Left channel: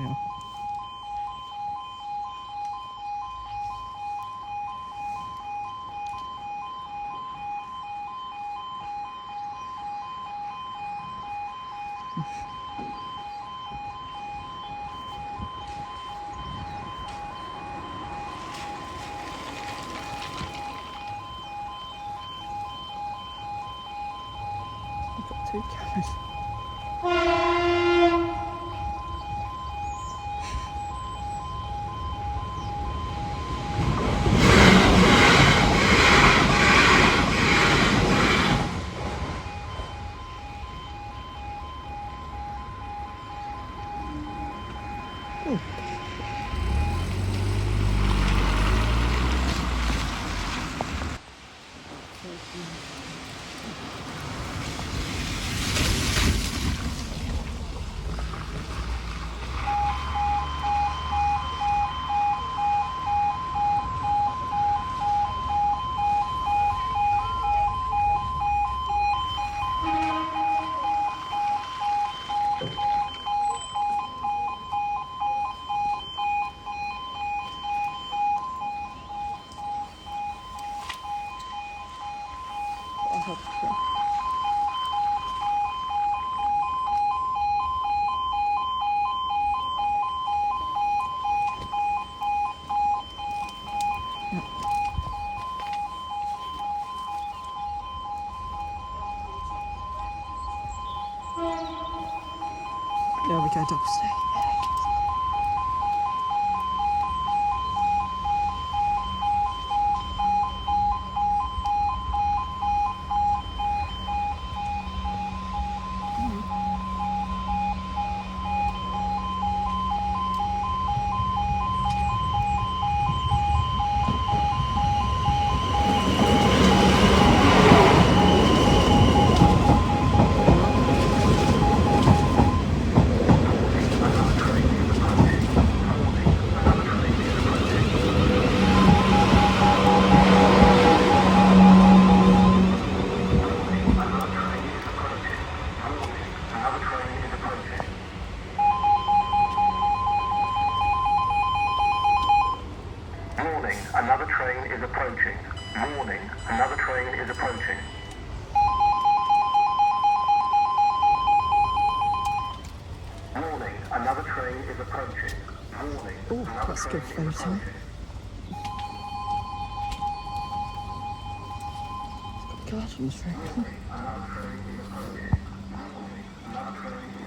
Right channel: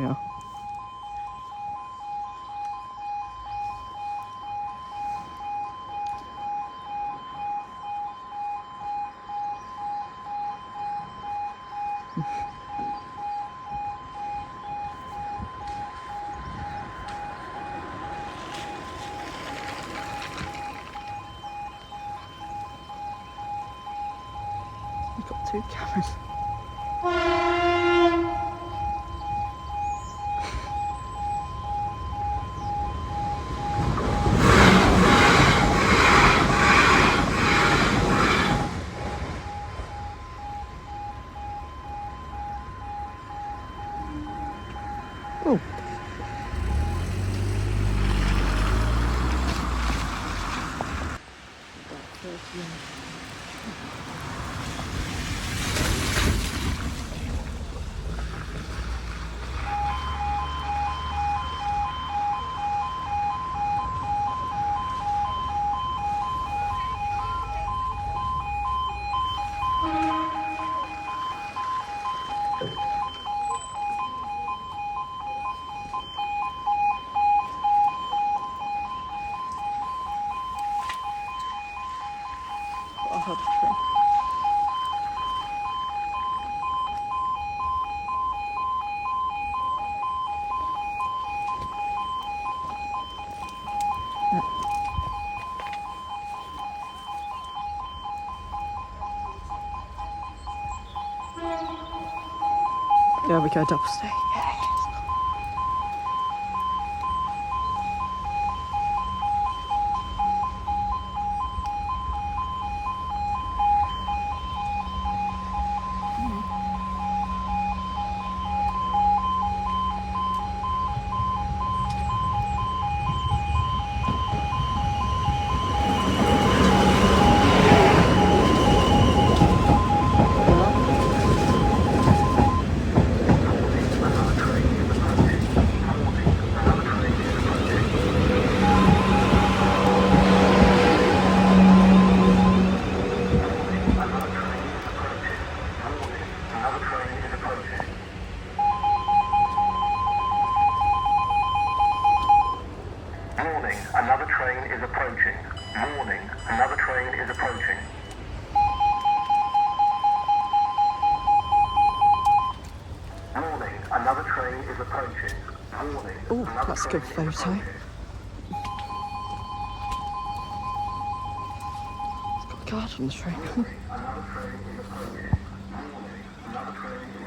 yeah. We've got two cameras. Oh. There we go, double stay. Warning, another train is approaching. Warning, another train is approaching. Warning, another train is approaching. Warning, Oh, another that's a train good is photo. approaching. Guard on the train. Another train is approaching. Warning, another train is